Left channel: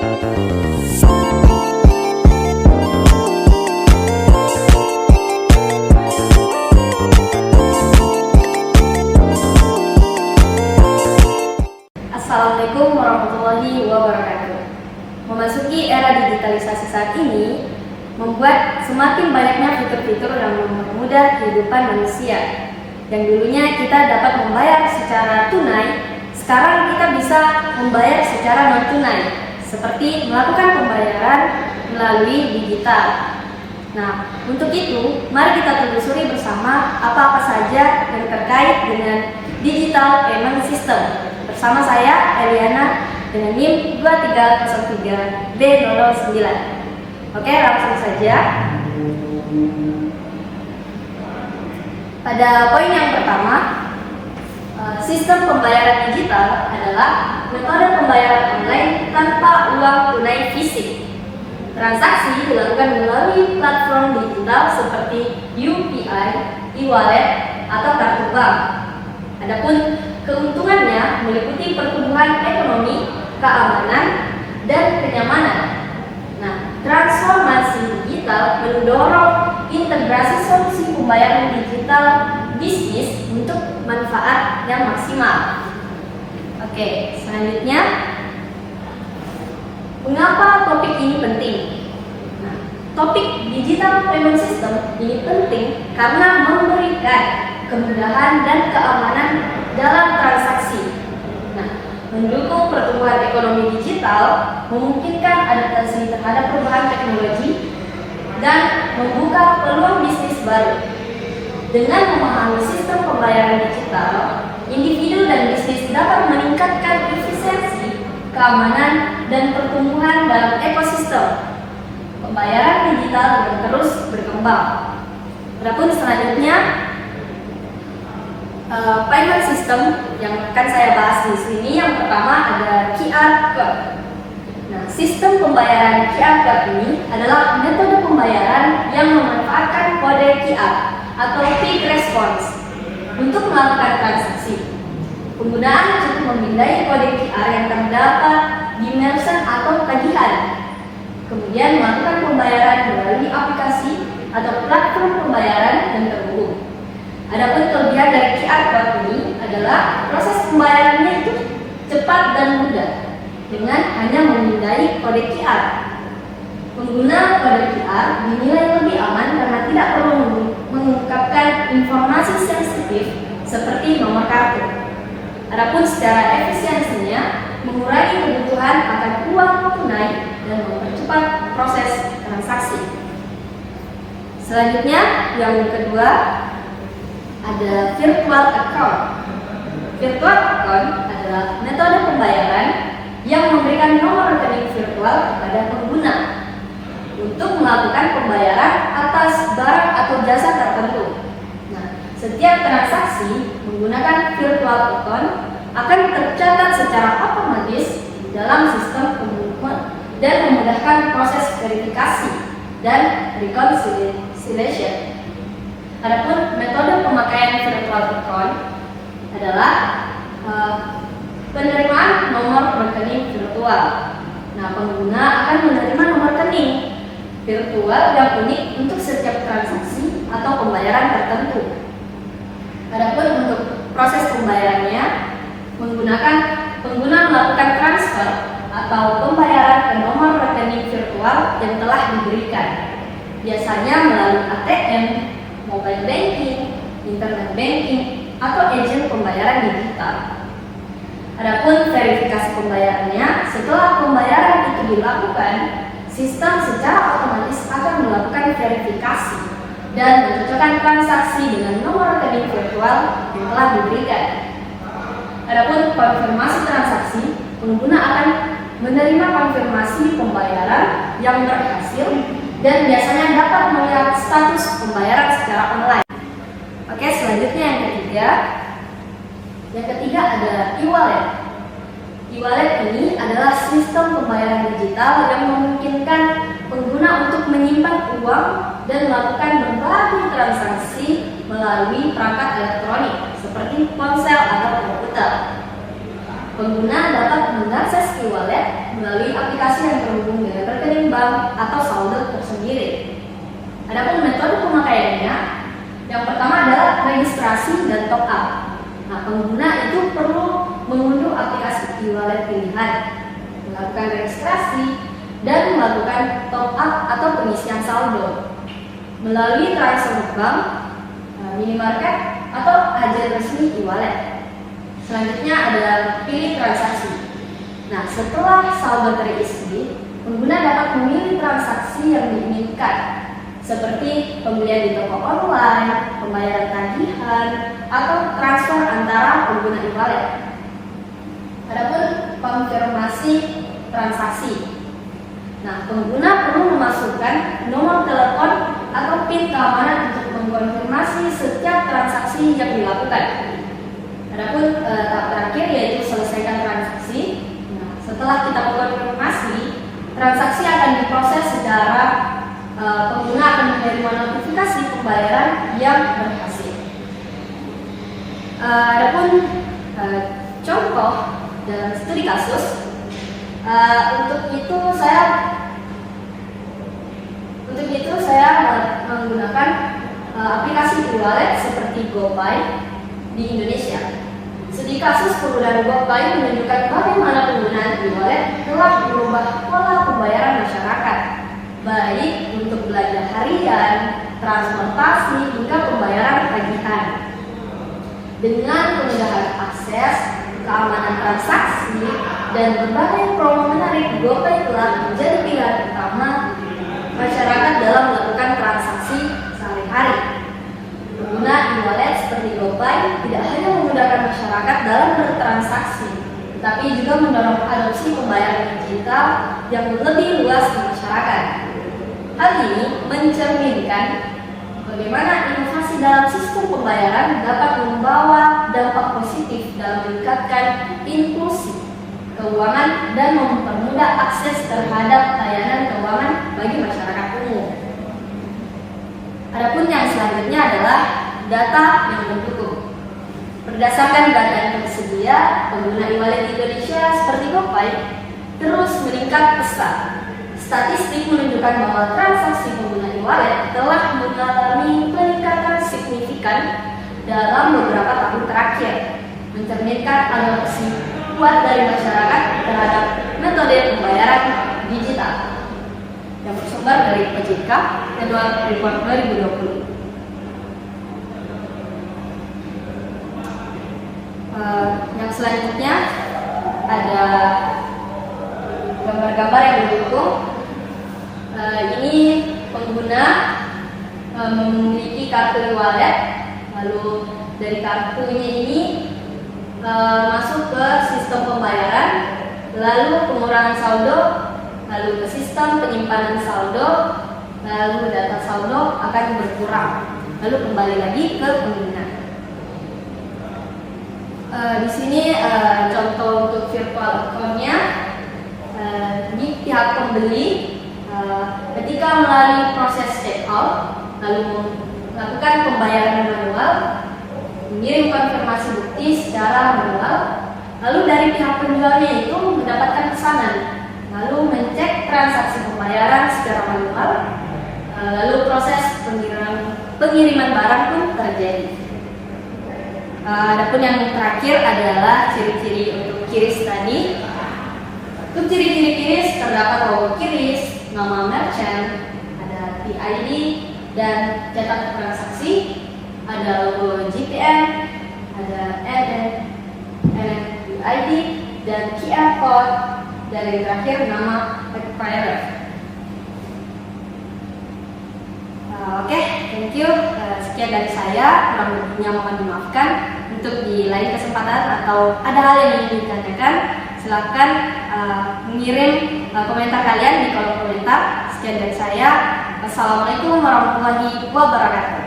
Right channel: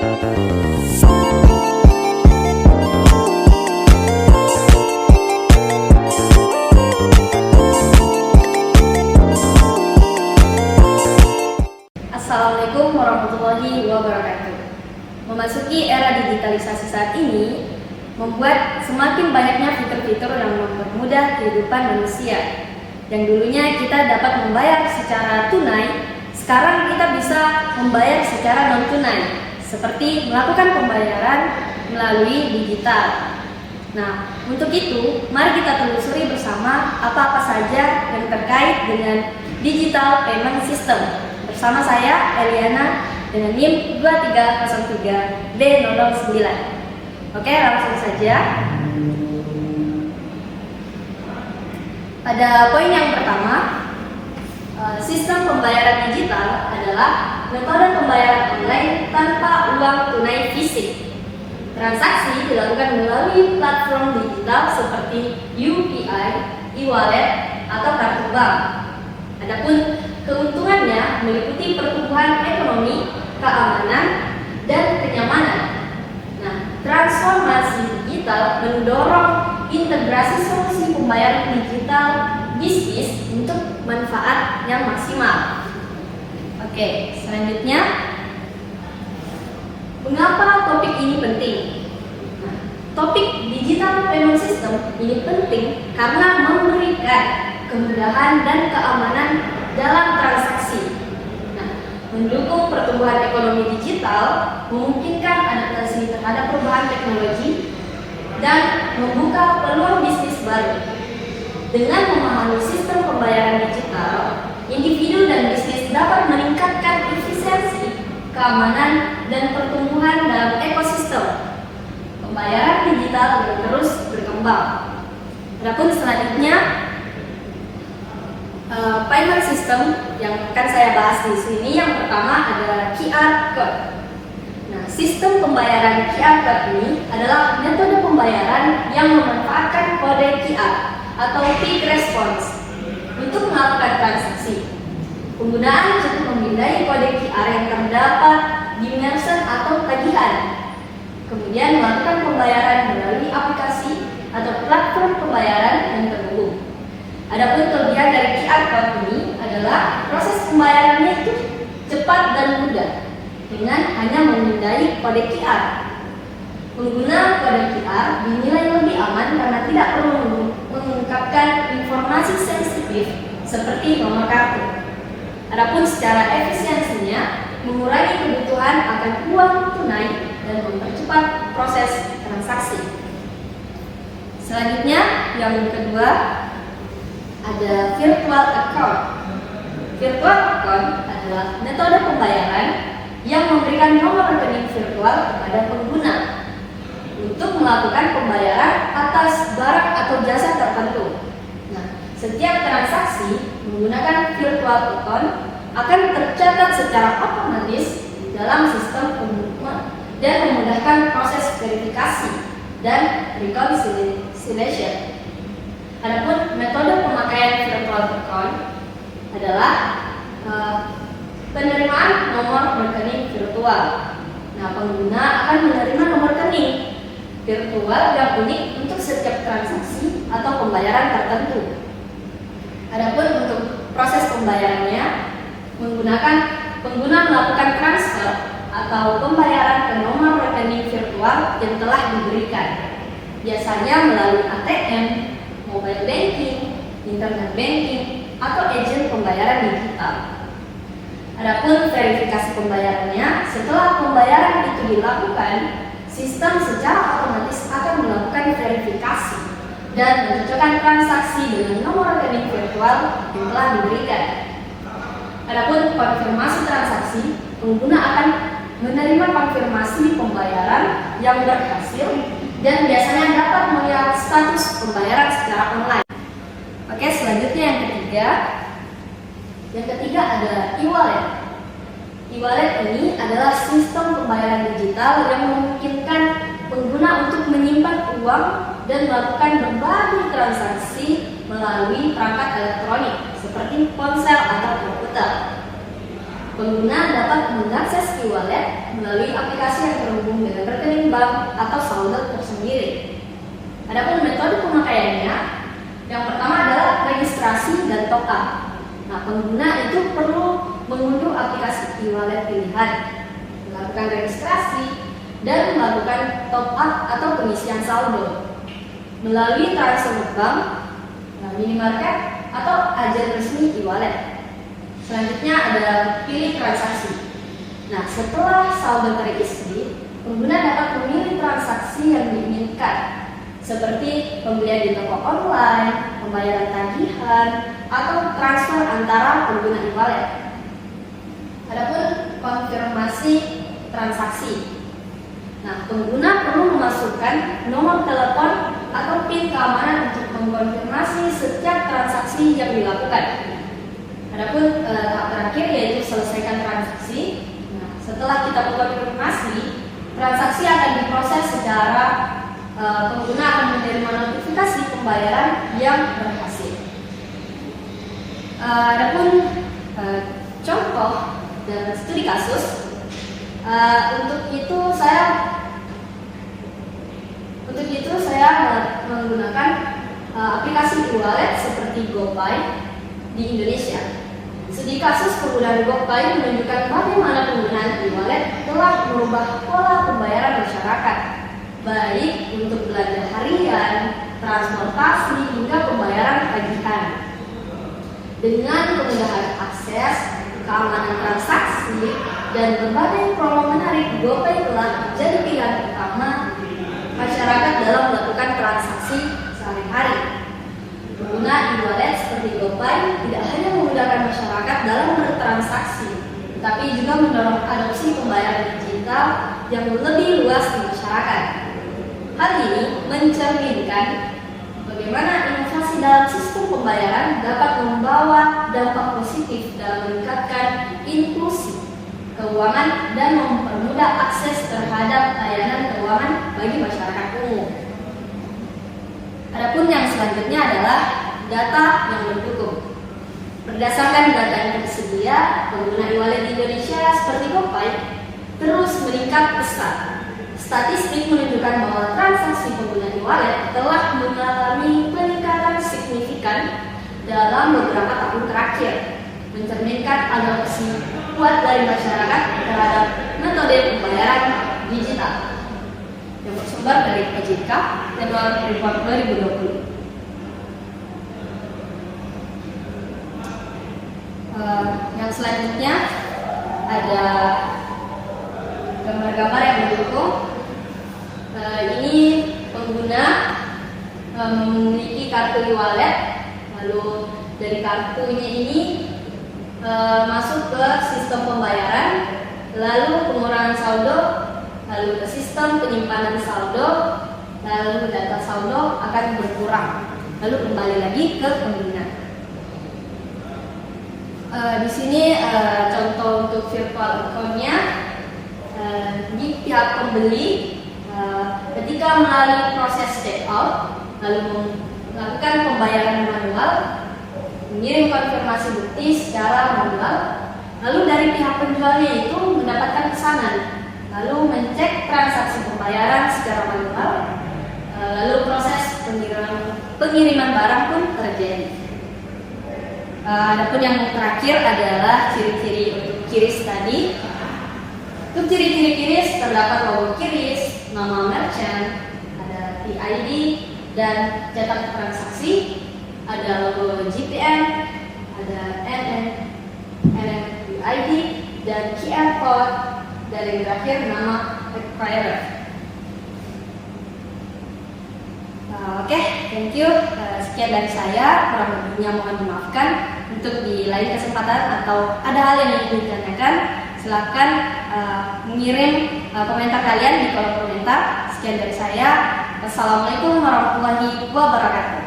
Assalamualaikum warahmatullahi wabarakatuh. Memasuki era digitalisasi saat ini membuat semakin banyaknya fitur-fitur yang mempermudah kehidupan manusia. Yang dulunya kita dapat membayar secara tunai, sekarang kita bisa membayar secara non-tunai, seperti melakukan pembayaran melalui digital. Nah, untuk itu, mari kita telusuri bersama apa-apa saja yang terkait dengan digital payment system. Bersama saya, Eliana, dengan NIM 2303D009. Oke, langsung saja. Pada poin yang pertama, sistem pembayaran digital adalah metode pembayaran online tanpa uang tunai fisik. Transaksi dilakukan melalui platform digital seperti UPI, e-wallet, atau kartu bank. Adapun keuntungannya meliputi pertumbuhan ekonomi, keamanan, dan kenyamanan. Nah, transformasi digital mendorong integrasi solusi pembayaran digital bisnis untuk manfaat yang maksimal. Oke, selanjutnya, mengapa topik ini penting? Nah, topik digital payment system ini penting karena memberikan kemudahan dan keamanan dalam transaksi. Nah, mendukung pertumbuhan ekonomi digital, memungkinkan adaptasi terhadap perubahan teknologi, dan membuka peluang bisnis baru. Dengan memahami sistem pembayaran digital, individu dan bisnis dapat meningkatkan efisiensi, keamanan, dan pertumbuhan dalam ekosistem. Pembayaran digital akan terus berkembang. Adapun selanjutnya, payment system yang akan saya bahas di sini, yang pertama ada QR Code. Nah, sistem pembayaran QR Code ini adalah metode pembayaran yang memanfaatkan kode QR atau quick response untuk melakukan transaksi. Penggunaan cukup memindai kode QR yang terdapat di merchant atau tagihan, kemudian melakukan pembayaran melalui aplikasi atau platform pembayaran yang terhubung. Adapun kelebihan dari QR Code ini adalah proses pembayarannya itu cepat dan mudah dengan hanya memindai kode QR. Pengguna kode QR dinilai lebih aman karena tidak perlu mengungkapkan informasi sensitif seperti nomor kartu. Adapun secara efisiensinya mengurangi kebutuhan akan uang tunai dan mempercepat proses transaksi. Selanjutnya, yang kedua, ada virtual account. Virtual account adalah metode pembayaran yang memberikan nomor rekening virtual kepada pengguna untuk melakukan pembayaran atas barang atau jasa tertentu. Nah, setiap transaksi menggunakan virtual account akan tercatat secara otomatis di dalam sistem pembukuan dan memudahkan proses verifikasi dan reconciliation. Adapun metode pemakaian virtual account adalah penerimaan nomor rekening virtual. Nah, pengguna akan menerima nomor rekening virtual yang unik untuk setiap transaksi atau pembayaran tertentu. Adapun untuk proses pembayarannya, pengguna melakukan transfer atau pembayaran ke nomor rekening virtual yang telah diberikan, biasanya melalui ATM, mobile banking, internet banking, atau agen pembayaran digital. Adapun verifikasi pembayarannya, setelah pembayaran itu dilakukan, sistem secara otomatis akan melakukan verifikasi dan mencocokkan transaksi dengan nomor rekening virtual yang telah diberikan. Adapun konfirmasi transaksi, pengguna akan menerima konfirmasi pembayaran yang berhasil dan biasanya dapat melihat status pembayaran secara online. Oke, selanjutnya yang ketiga ada e-wallet. E-wallet ini adalah sistem pembayaran digital yang memungkinkan pengguna untuk menyimpan uang dan melakukan berbagai transaksi melalui perangkat elektronik seperti ponsel atau komputer. pengguna dapat mengakses e-wallet melalui aplikasi yang terhubung dengan rekening bank atau saldo tersendiri. Adapun metode pemakaiannya, yang pertama adalah registrasi dan top up. Nah, pengguna itu perlu mengunduh aplikasi e-wallet pilihan, melakukan registrasi, dan melakukan top up atau pengisian saldo melalui transfer bank, minimarket, atau agen resmi e-wallet. Selanjutnya ada pilih transaksi. Nah, setelah saldo terisi, pengguna dapat memilih transaksi yang diinginkan, seperti pembelian di toko online, pembayaran tagihan, atau transfer antara pengguna e-wallet. Adapun konfirmasi transaksi. Nah, pengguna perlu memasukkan nomor telepon atau PIN keamanan untuk mengkonfirmasi setiap transaksi yang dilakukan. Adapun tahap terakhir yaitu selesaikan transaksi. Nah, setelah kita mengkonfirmasi, transaksi akan diproses secara pengguna akan menerima notifikasi pembayaran yang berhasil. Adapun contoh dan studi kasus, untuk itu saya menggunakan aplikasi e-wallet seperti GoPay di Indonesia. Studi kasus penggunaan GoPay menunjukkan bagaimana penggunaan e-wallet telah merubah pola pembayaran masyarakat, baik untuk belanja harian, transportasi, hingga pembayaran tagihan. Dengan kemudahan akses, keamanan transaksi, dan berbagai promo menarik, GoPay telah menjadi pilihan utama masyarakat dalam melakukan transaksi sehari-hari. Pengguna e-wallet seperti GoPay tidak hanya memudahkan masyarakat dalam bertransaksi, tetapi juga mendorong adopsi pembayaran digital yang lebih luas di masyarakat. Hal ini mencerminkan bagaimana inovasi dalam sistem pembayaran dapat membawa dampak positif dalam meningkatkan inklusi keuangan dan mempermudah akses terhadap layanan keuangan bagi masyarakat umum. Adapun yang selanjutnya adalah data yang mendukung. Berdasarkan data yang tersedia, pengguna e-wallet di Indonesia seperti GoPay terus meningkat pesat. Statistik menunjukkan bahwa transaksi pengguna e-wallet telah mengalami peningkatan signifikan dalam beberapa tahun terakhir, mencerminkan adopsi kuat dari masyarakat terhadap metode pembayaran digital yang bersumber dari OJK Annual Report 2020. Yang selanjutnya ada gambar-gambar yang mendukung. Ini pengguna memiliki kartu e-wallet, lalu dari kartunya ini masuk ke sistem pembayaran, lalu pengurangan saldo, lalu ke sistem penyimpanan saldo, lalu data saldo akan berkurang, lalu kembali lagi ke pengguna. Di sini contoh untuk virtual account-nya. Di pihak pembeli, ketika melalui proses checkout, lalu melakukan pembayaran manual, mengirim konfirmasi bukti secara manual, lalu dari pihak penjualnya itu mendapatkan pesanan, lalu mengecek transaksi pembayaran secara manual, lalu proses pengiriman barang pun terjadi. Adapun yang terakhir adalah ciri-ciri untuk QRIS tadi. Untuk ciri-ciri QRIS terdapat logo QRIS, nama merchant, ada PID dan cetak transaksi, ada logo GPN, ada NFID dan QR code, dan yang terakhir nama acquirer. Oke, thank you. Sekian dari saya, kurang lebihnya mohon dimaafkan. Untuk di lain kesempatan atau ada hal yang ingin ditanyakan, silakan mengirim komentar kalian di kolom komentar. Sekian dari saya. Wassalamualaikum warahmatullahi wabarakatuh.